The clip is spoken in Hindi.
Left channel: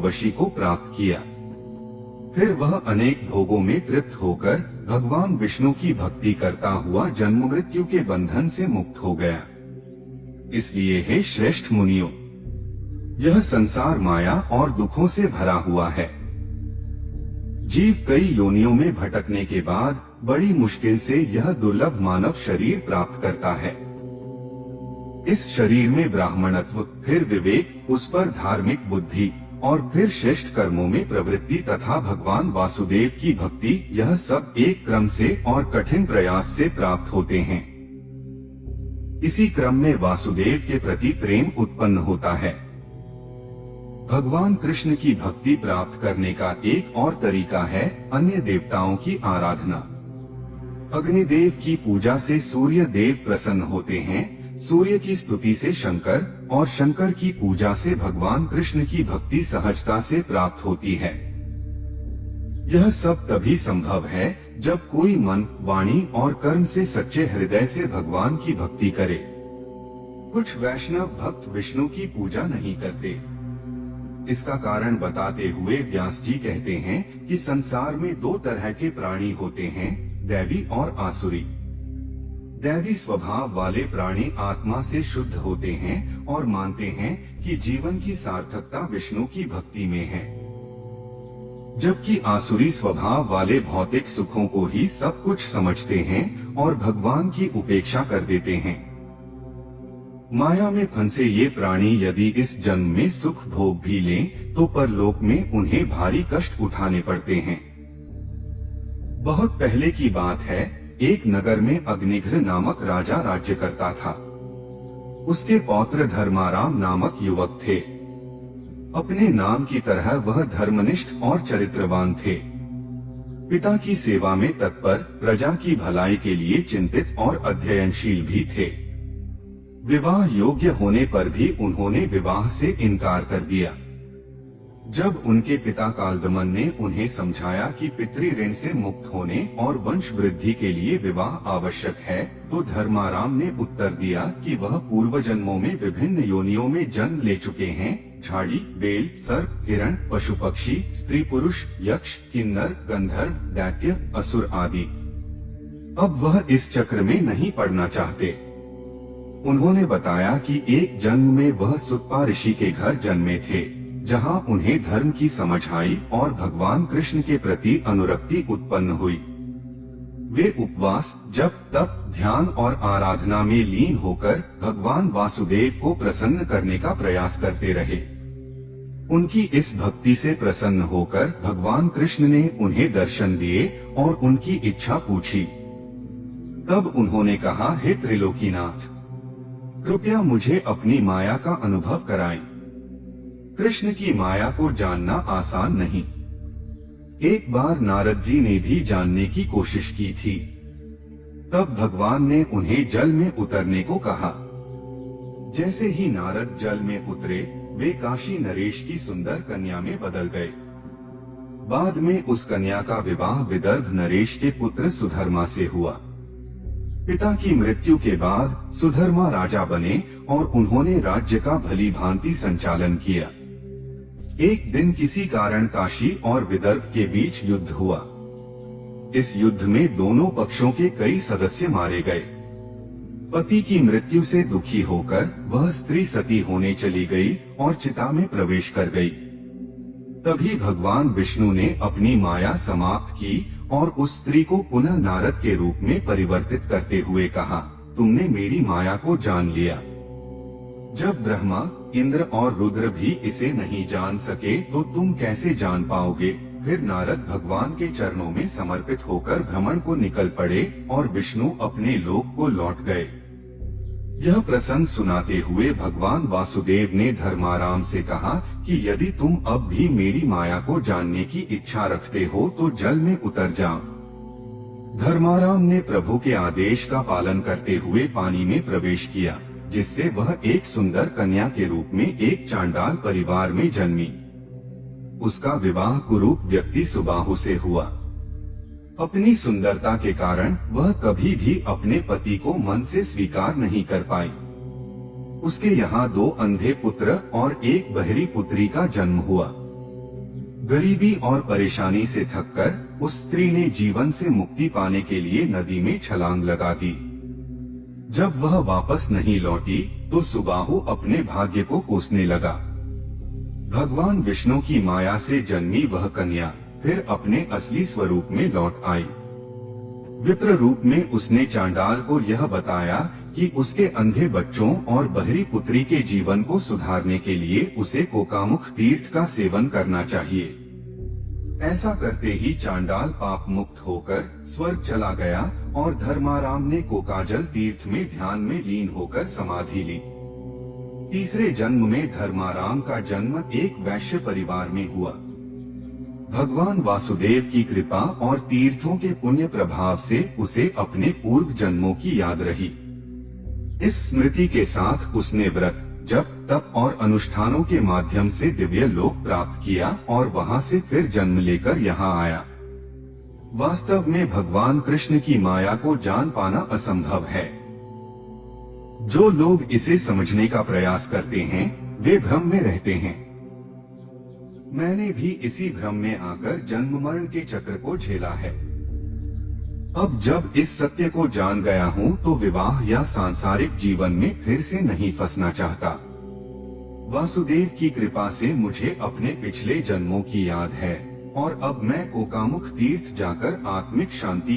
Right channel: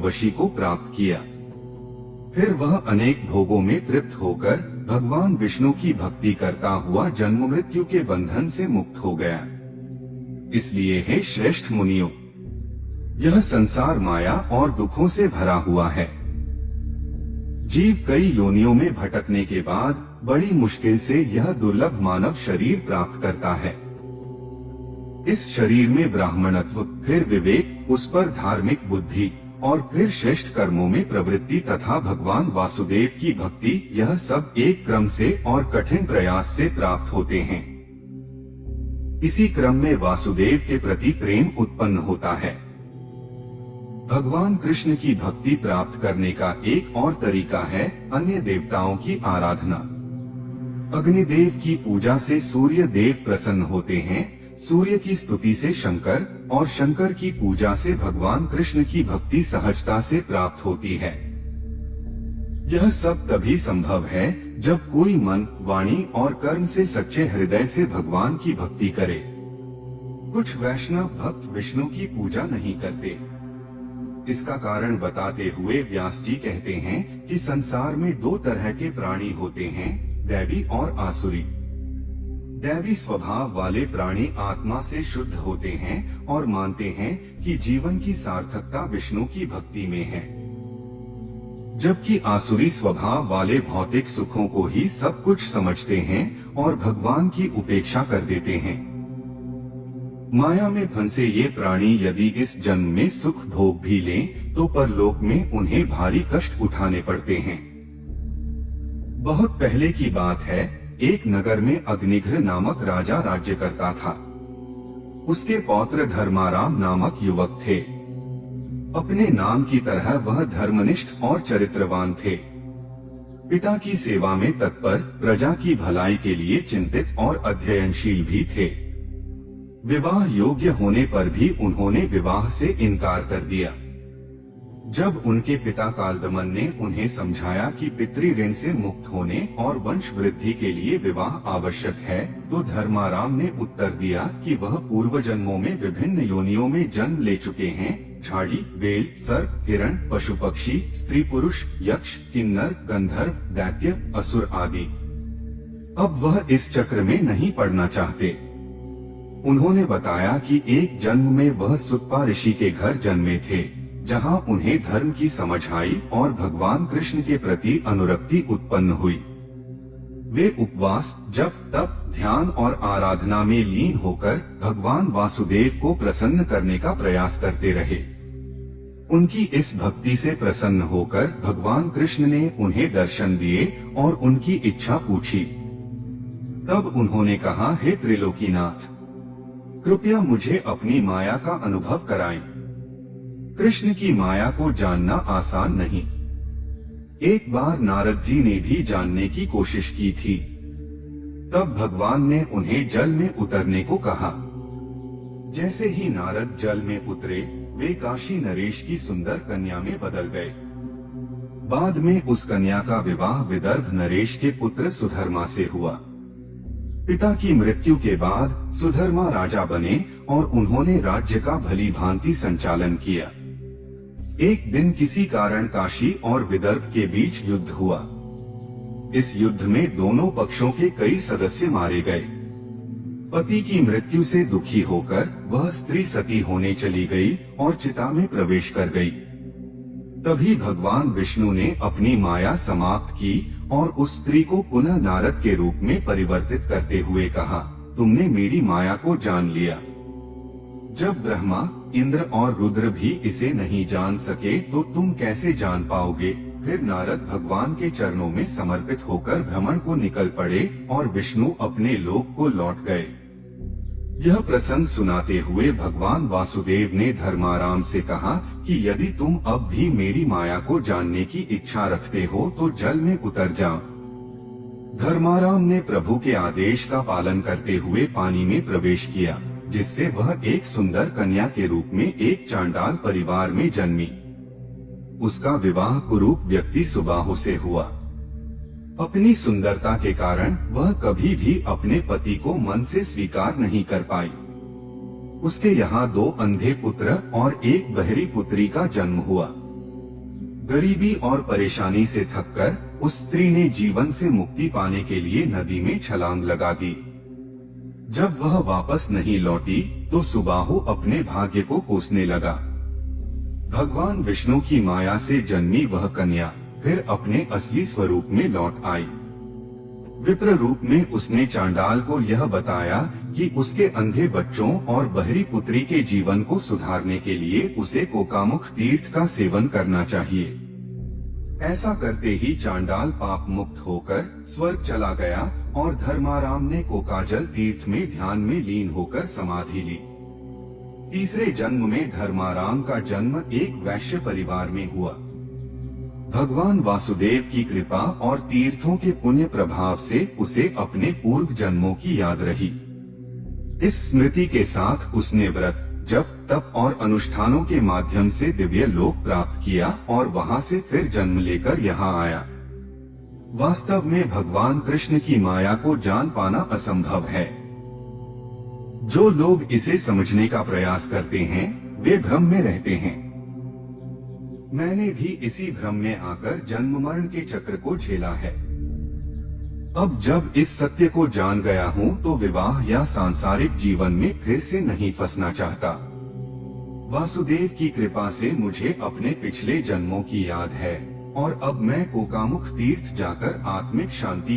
उर्वशी को प्राप्त किया। फिर वह अनेक भोगों में तृप्त होकर भगवान विष्णु की भक्ति करता हुआ जन्म मृत्यु के बंधन से मुक्त हो गया। इसलिए हे श्रेष्ठ मुनियों, यह संसार माया और दुखों से भरा हुआ है। जीव कई योनियों में भटकने के बाद बड़ी मुश्किल से यह दुर्लभ मानव शरीर प्राप्त करता है। इस शरीर में ब्राह्मणत्व, फिर विवेक, उस पर धार्मिक बुद्धि और फिर श्रेष्ठ कर्मों में प्रवृत्ति तथा भगवान वासुदेव की भक्ति, यह सब एक क्रम से और कठिन प्रयास से प्राप्त होते हैं। इसी क्रम में वासुदेव के प्रति प्रेम उत्पन्न होता है। भगवान कृष्ण की भक्ति प्राप्त करने का एक और तरीका है अन्य देवताओं की आराधना। अग्निदेव की पूजा से सूर्य देव प्रसन्न होते हैं, सूर्य की स्तुति से शंकर, और शंकर की पूजा से भगवान कृष्ण की भक्ति सहजता से प्राप्त होती है। यह सब तभी संभव है जब कोई मन, वाणी और कर्म से सच्चे हृदय से भगवान की भक्ति करे। कुछ वैष्णव भक्त विष्णु की पूजा नहीं करते। इसका कारण बताते हुए व्यास जी कहते हैं कि संसार में दो तरह के प्राणी होते हैं, दैवी और आसुरी। दैवी स्वभाव वाले प्राणी आत्मा से शुद्ध होते हैं और मानते हैं कि जीवन की सार्थकता विष्णु की भक्ति में है, जबकि आसुरी स्वभाव वाले भौतिक सुखों को ही सब कुछ समझते हैं और भगवान की उपेक्षा कर देते हैं। माया में फंसे ये प्राणी यदि इस जन्म में सुख भोग भी लें तो परलोक में उन्हें भारी कष्ट उठाने पड़ते हैं। बहुत पहले की बात है, एक नगर में अग्निघ्र नामक राजा राज्य करता था। उसके पौत्र धर्माराम नामक युवक थे। अपने नाम की तरह वह धर्मनिष्ठ और चरित्रवान थे। पिता की सेवा में तत्पर, प्रजा की भलाई के लिए चिंतित और अध्ययनशील भी थे। विवाह योग्य होने पर भी उन्होंने विवाह से इनकार कर दिया। जब उनके पिता कालदमन ने उन्हें समझाया कि पितृ ऋण से मुक्त होने और वंश वृद्धि के लिए विवाह आवश्यक है, तो धर्माराम ने उत्तर दिया कि वह पूर्व जन्मों में विभिन्न योनियों में जन्म ले चुके हैं, झाड़ी, बेल, सर्प, हिरण, पशु पक्षी, स्त्री पुरुष, यक्ष, किन्नर, गंधर्व, दैत्य, असुर आदि। अब वह इस चक्र में नहीं पड़ना चाहते। उन्होंने बताया कि एक जन्म में वह सुतपा ऋषि के घर जन्मे थे, जहां उन्हें धर्म की समझ आई और भगवान कृष्ण के प्रति अनुरक्ति उत्पन्न हुई। वे उपवास, जप, तप, ध्यान और आराधना में लीन होकर भगवान वासुदेव को प्रसन्न करने का प्रयास करते रहे। उनकी इस भक्ति से प्रसन्न होकर भगवान कृष्ण ने उन्हें दर्शन दिए और उनकी इच्छा पूछी। तब उन्होंने कहा, हे त्रिलोकीनाथ, कृपया मुझे अपनी माया का अनुभव कराएं। कृष्ण की माया को जानना आसान नहीं। एक बार नारद जी ने भी जानने की कोशिश की थी। तब भगवान ने उन्हें जल में उतरने को कहा। जैसे ही नारद जल में उतरे, वे काशी नरेश की सुंदर कन्या में बदल गए। बाद में उस कन्या का विवाह विदर्भ नरेश के पुत्र सुधर्मा से हुआ। पिता की मृत्यु के बाद सुधर्मा राजा बने और उन्होंने राज्य का भली भांति संचालन किया। एक दिन किसी कारण काशी और विदर्भ के बीच युद्ध हुआ। इस युद्ध में दोनों पक्षों के कई सदस्य मारे गए। पति की मृत्यु से दुखी होकर वह स्त्री सती होने चली गई और चिता में प्रवेश कर गई। तभी भगवान विष्णु ने अपनी माया समाप्त की और उस स्त्री को पुनः नारद के रूप में परिवर्तित करते हुए कहा, तुमने मेरी माया को जान लिया। जब ब्रह्मा, इंद्र और रुद्र भी इसे नहीं जान सके तो तुम कैसे जान पाओगे। फिर नारद भगवान के चरणों में समर्पित होकर भ्रमण को निकल पड़े और विष्णु अपने लोक को लौट गए। यह प्रसंग सुनाते हुए भगवान वासुदेव ने धर्माराम से कहा कि यदि तुम अब भी मेरी माया को जानने की इच्छा रखते हो तो जल में उतर जाओ। धर्माराम ने प्रभु के आदेश का पालन करते हुए पानी में प्रवेश किया, जिससे वह एक सुंदर कन्या के रूप में एक चांडाल परिवार में जन्मी। उसका विवाह कुरूप व्यक्ति सुबाहु से हुआ। अपनी सुंदरता के कारण वह कभी भी अपने पति को मन से स्वीकार नहीं कर पाई। उसके यहाँ 2 अंधे पुत्र और एक बहरी पुत्री का जन्म हुआ। गरीबी और परेशानी से थककर उस स्त्री ने जीवन से मुक्ति पाने के लिए नदी में छलांग लगा दी। जब वह वापस नहीं लौटी तो सुबाहु अपने भाग्य को कोसने लगा। भगवान विष्णु की माया से जन्मी वह कन्या फिर अपने असली स्वरूप में लौट आई। विप्र रूप में उसने चांडाल को यह बताया कि उसके अंधे बच्चों और बहरी पुत्री के जीवन को सुधारने के लिए उसे कोकामुख तीर्थ का सेवन करना चाहिए। ऐसा करते ही चांडाल पाप मुक्त होकर स्वर्ग चला गया और धर्माराम ने कोकाजल तीर्थ में ध्यान में लीन होकर समाधि ली। तीसरे जन्म में धर्माराम का जन्म एक वैश्य परिवार में हुआ। भगवान वासुदेव की कृपा और तीर्थों के पुण्य प्रभाव से उसे अपने पूर्व जन्मों की याद रही। इस स्मृति के साथ उसने व्रत, जप, तप और अनुष्ठानों के माध्यम से दिव्य लोक प्राप्त किया और वहां से फिर जन्म लेकर यहाँ आया। वास्तव में भगवान कृष्ण की माया को जान पाना असंभव है। जो लोग इसे समझने का प्रयास करते हैं वे भ्रम में रहते हैं। मैंने भी इसी भ्रम में आकर जन्म मरण के चक्र को झेला है। अब जब इस सत्य को जान गया हूँ तो विवाह या सांसारिक जीवन में फिर से नहीं फंसना चाहता। वासुदेव की कृपा से मुझे अपने पिछले जन्मों की याद है और अब मैं कोकामुख तीर्थ जाकर आत्मिक शांति